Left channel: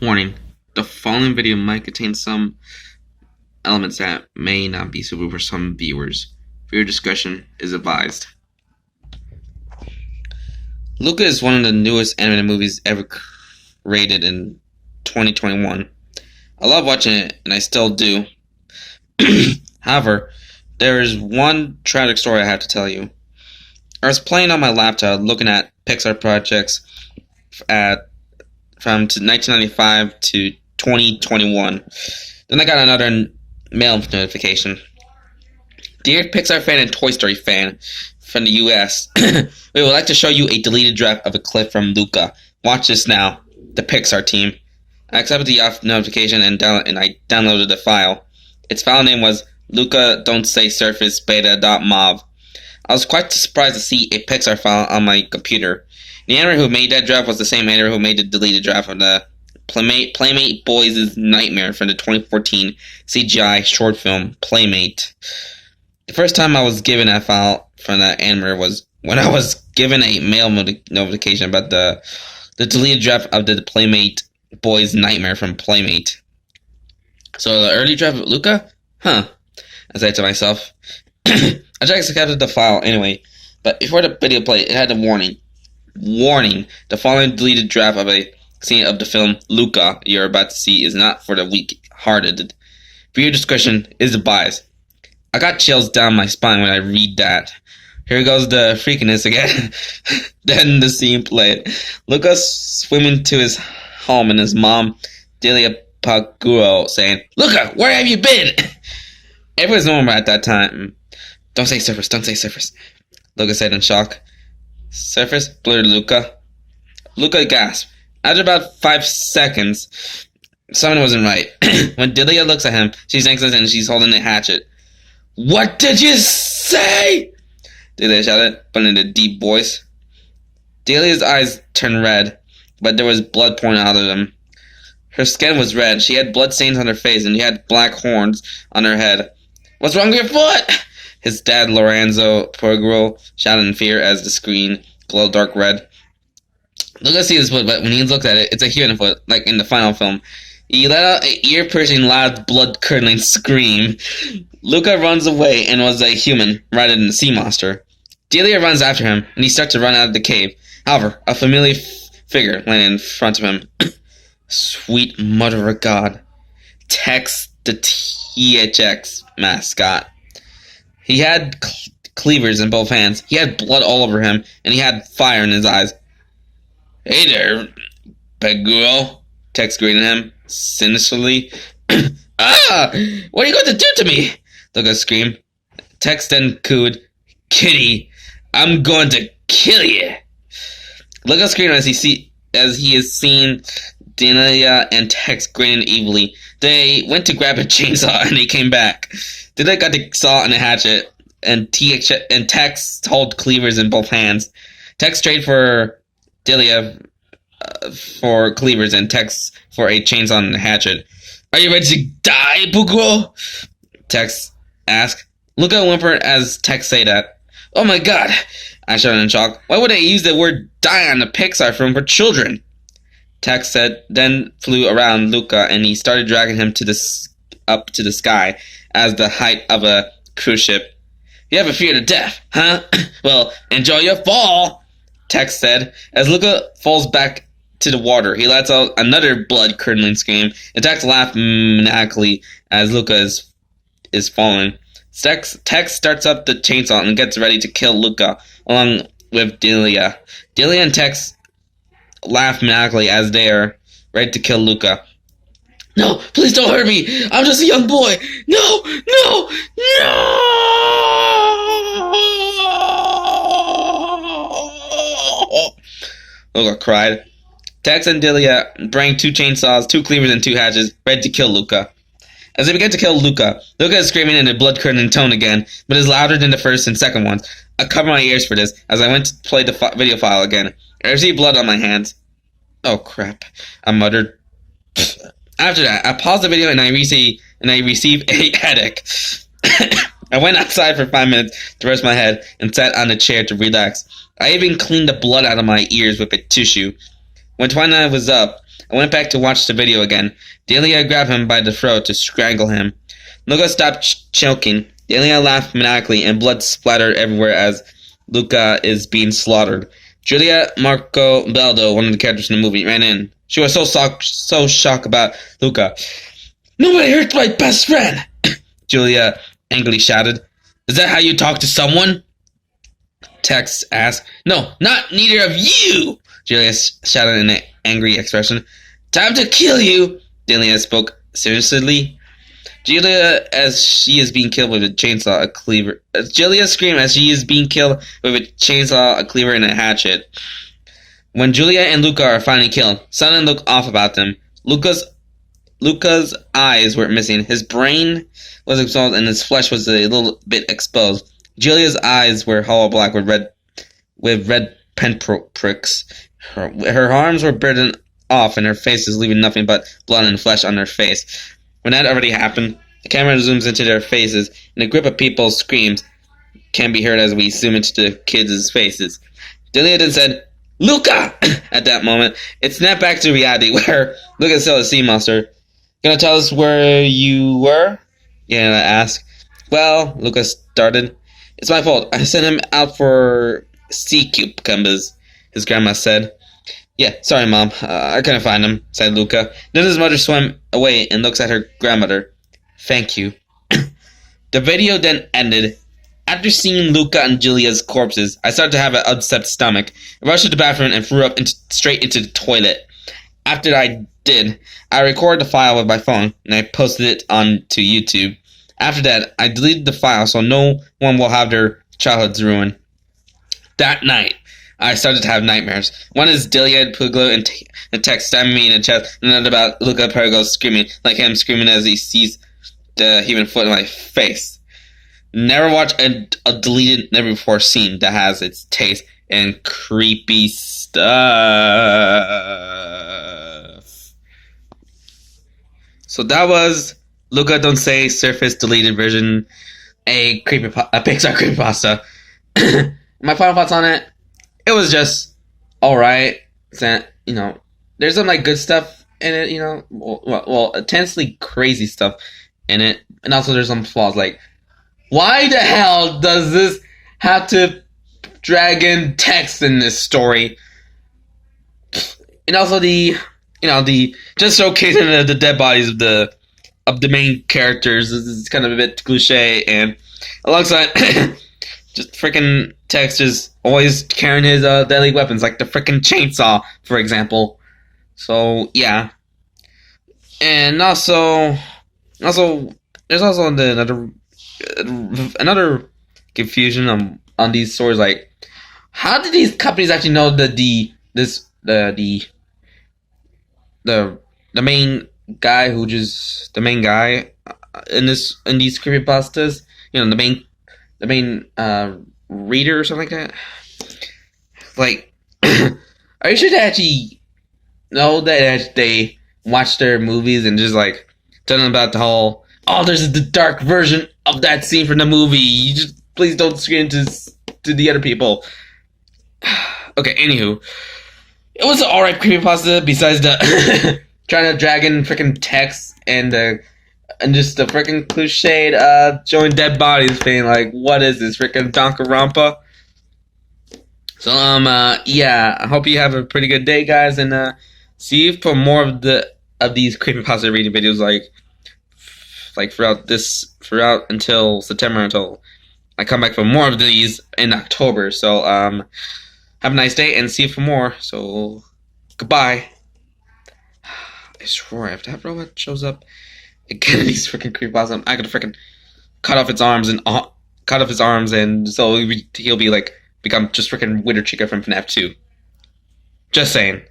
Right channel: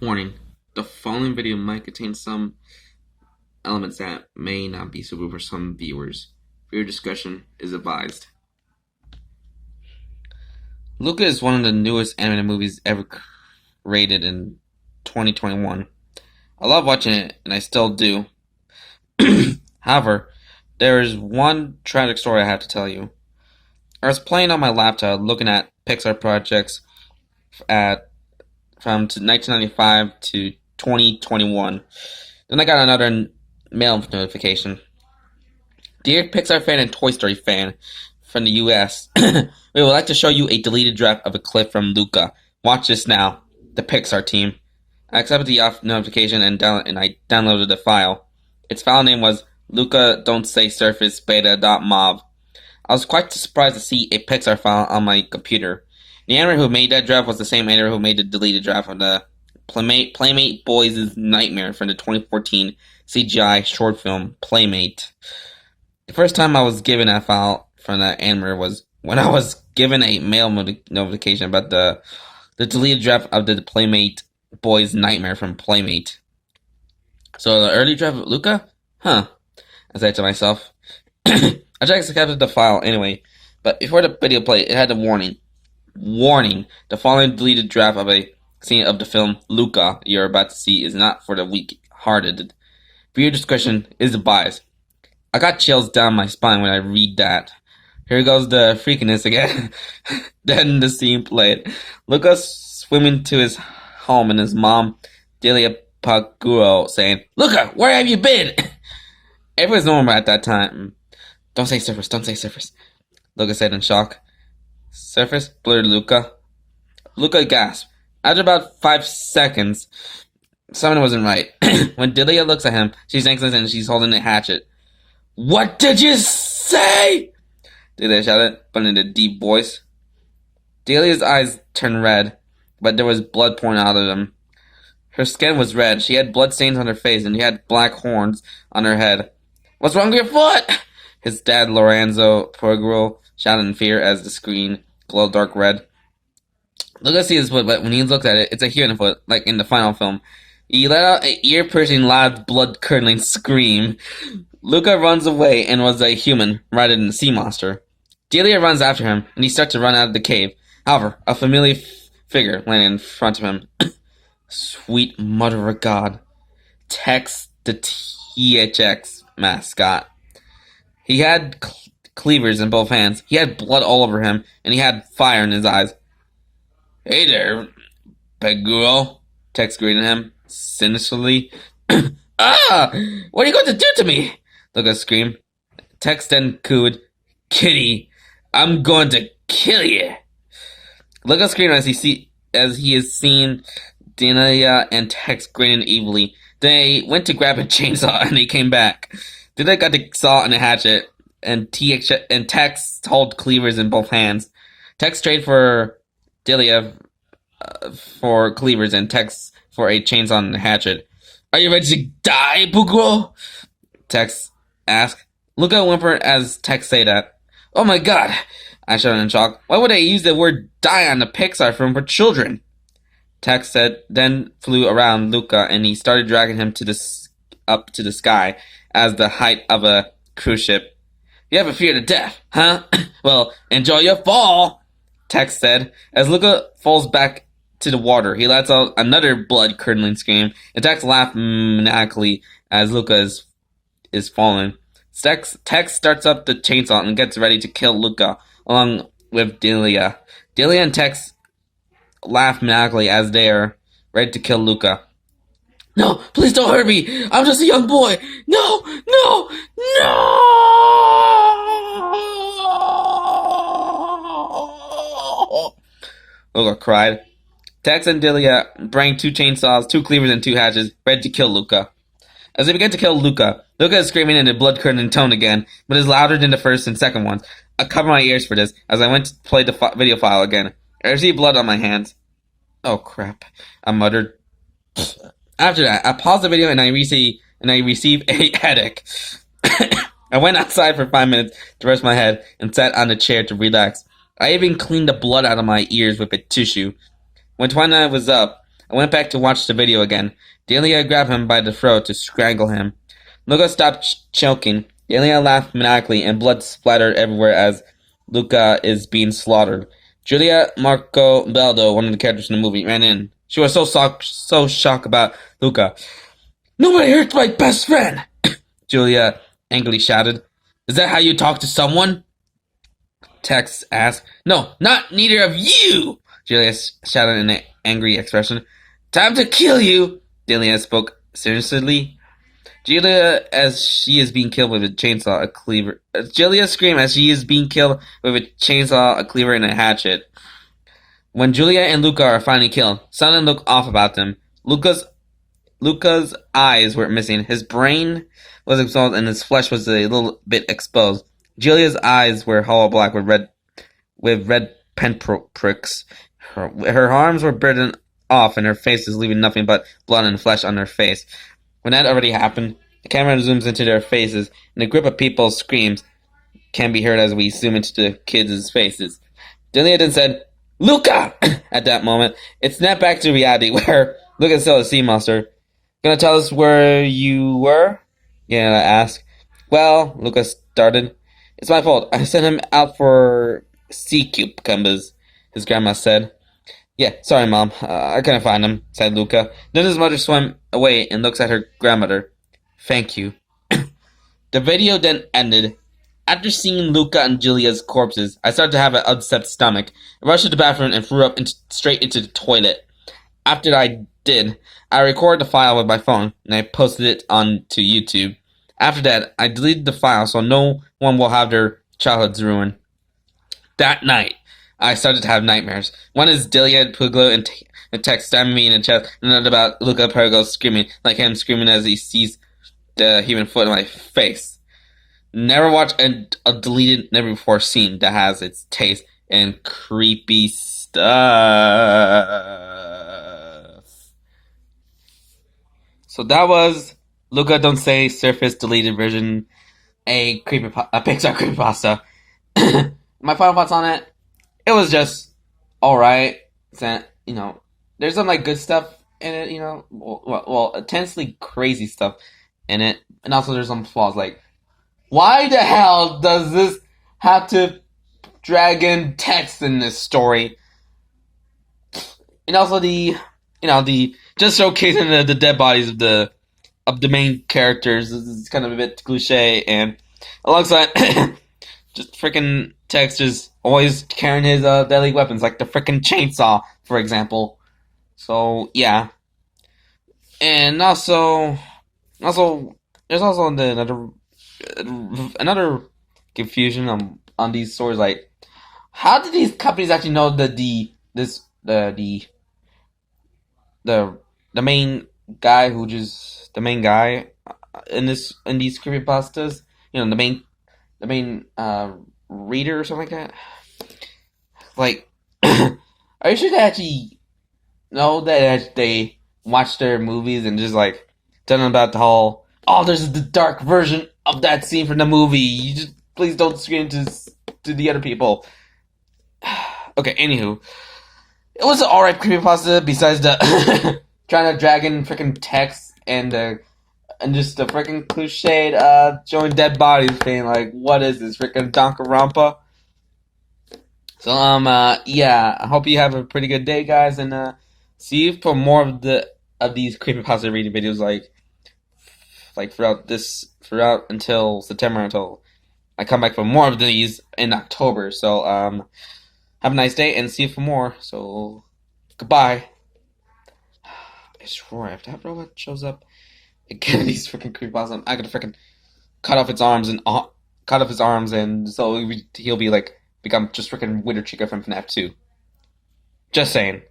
Warning: the following video might contain some elements that may not be suitable for some viewers. Viewer discretion is advised. Luca is one of the newest animated movies ever created in 2021. I love watching it, and I still do. However, there is one tragic story I have to tell you. I was playing on my laptop looking at Pixar projects from 1995 to 2021. Then I got another mail notification. Dear Pixar fan and Toy Story fan from the US, we would like to show you a deleted draft of a clip from Luca. Watch this now. The Pixar team. I accepted the notification and I downloaded the file. Its file name was Luca Don't Say Surface Beta.mov. I was quite surprised to see a Pixar file on my computer. The animator who made that draft was the same animator who made the deleted draft of the Playmate Boys' Nightmare from the 2014 CGI short film Playmate. The first time I was given that file from that animator was when I was given a mail notification about the deleted draft of the Playmate Boys' Nightmare from Playmate. So the early draft of Luca? Huh. I said to myself. I just accepted the file anyway, but before the video played, it had a warning. Warning: the following deleted draft of a scene of the film Luca you're about to see is not for the weak-hearted. Viewer discretion is advised. I got chills down my spine when I read that. Here goes the freakiness again. Then the scene played. Luca's swimming to his home and his mom, Delia Paguro, saying, "Luca, where have you been?" Everyone's normal at that time. Don't say surface, don't say surface, Luca said in shock. Surface? Blurred Luca. Luca gasped. After about 5 seconds, something wasn't right. When Delia looks at him, she's anxious and she's holding a hatchet. "What did you say?" Delia shouted, but in a deep voice. Delia's eyes turned red, but there was blood pouring out of them. Her skin was red, she had blood stains on her face, and she had black horns on her head. "What's wrong with your foot?" His dad, Lorenzo Porgro, shouted in fear as the screen glowed dark red. Luca sees his foot, but when he looks at it, it's a human foot, like in the final film. He let out an ear-piercing, loud, blood-curdling scream. Luca runs away and was a human, rather than a sea monster. Delia runs after him, and he starts to run out of the cave. However, a familiar figure landed in front of him. Sweet Mother of God. Tex, the THX mascot. He had cleavers in both hands. He had blood all over him, and he had fire in his eyes. "Hey there, Paguro," Tex greeted him, sinisterly. "Ah! What are you going to do to me?" Luca screamed. Tex then cooed, "Kitty, I'm going to kill you." Luca screamed as he is seen Delia and Tex grinning evilly. They went to grab a chainsaw, and they came back. Delia got the saw and a hatchet, and Tex held cleavers in both hands. Tex traded for Delia for cleavers, and Tex for a chainsaw and a hatchet. "Are you ready to die, Pugro?" Tex asked. Luca whimpered as Tex said that. "Oh my God!" I shouted in shock. "Why would they use the word die on a Pixar film for children?" Tex said, then flew around Luca, and he started dragging him up to the sky as the height of a cruise ship. "You have a fear to death, huh? Well, enjoy your fall," Tex said. As Luca falls back to the water, he lets out another blood-curdling scream, and Tex laughed maniacally as Luca is falling. Tex starts up the chainsaw and gets ready to kill Luca, along with Delia. Delia and Tex laugh maniacally as they are ready to kill Luca. "No, please don't hurt me. I'm just a young boy. No, no, no!" Luca cried. Tex and Delia bring 2 chainsaws, 2 cleavers, and 2 hatchets, ready to kill Luca. As they begin to kill Luca is screaming in a blood-curdling tone again, but is louder than the first and second ones. I covered my ears for this as I went to play the video file again. I received blood on my hands. "Oh crap," I muttered. After that, I paused the video and I received a headache. I went outside for 5 minutes to rest my head and sat on a chair to relax. I even cleaned the blood out of my ears with a tissue. When twilight was up, I went back to watch the video again. Delia grabbed him by the throat to strangle him. Luca stopped choking. Delia laughed maniacally, and blood splattered everywhere as Luca is being slaughtered. Julia Marco Baldo, one of the characters in the movie, ran in. She was so shocked about Luca. "Nobody hurt my best friend!" Julia angrily shouted. "Is that how you talk to someone?" Tex asked. "No, not neither of you!" Julia shouted in an angry expression. "Time to kill you!" Delia spoke seriously. Julia, as she is being killed with a chainsaw, a cleaver. Julia screamed as she is being killed with a chainsaw, a cleaver, and a hatchet. When Julia and Luca are finally killed, something looked off about them. Luca's eyes were missing. His brain was exposed, and his flesh was a little bit exposed. Julia's eyes were hollow black with red pinpricks. Her arms were bitten off, and her face was leaving nothing but blood and flesh on her face. When that already happened, the camera zooms into their faces, and a group of people's screams can be heard as we zoom into the kids' faces. Delia then said, "Luca!" At that moment, it snapped back to reality where Luca saw a sea monster. "Gonna tell us where you were?" Yana asked. "Well," Luca started, "it's my fault. I sent him out for sea cucumbers," his grandma said. "Yeah, sorry, Mom. I couldn't find him," said Luca. Then his mother swam away and looks at her grandmother. "Thank you." The video then ended. After seeing Luca and Julia's corpses, I started to have an upset stomach. I rushed to the bathroom and threw up straight into the toilet. After I did, I recorded the file with my phone, and I posted it onto YouTube. After that, I deleted the file so no one will have their childhoods ruined. That night, I started to have nightmares. One is Delia and Puglo and Tex stabbing me in the chest, and another about Luca Pergo screaming, like him screaming as he sees the human foot in my face. Never watch a deleted, never before scene that has its taste and creepy stuff. So that was Luca Don't Say Surface Deleted Version, a Pixar creepypasta. My final thoughts on it: it was just alright. There's some like good stuff in it. Well, intensely crazy stuff in it, and also there's some flaws. Like, why the hell does this have to drag in text in this story? And also the just showcasing the dead bodies of the main characters is kind of a bit cliche, and alongside just freaking Tex just always carrying his deadly weapons like the freaking chainsaw, for example. So yeah, and also there's also another confusion on these stories. Like, how did these companies actually know that the main guy in these creepypastas, the main reader or something like that? Like, are you sure they actually know that they watch their movies and just like tell them about the whole, "Oh, there's the dark version of that scene from the movie. You just please don't scream to the other people." Okay, anywho, it was an alright creepypasta besides the trying to drag in freaking text and just the freaking cliched showing dead bodies thing. Like, what is this freaking Danganronpa? So yeah, I hope you have a pretty good day, guys, and see you for more of these creepypasta reading videos like throughout until September, until I come back for more of these in October. So have a nice day and see you for more. So goodbye. I swear, if that robot shows up again in these freaking creepypasta, I gotta freaking cut off his arms and so he'll be like become just freaking Witter Chica from FNAF 2. Just saying.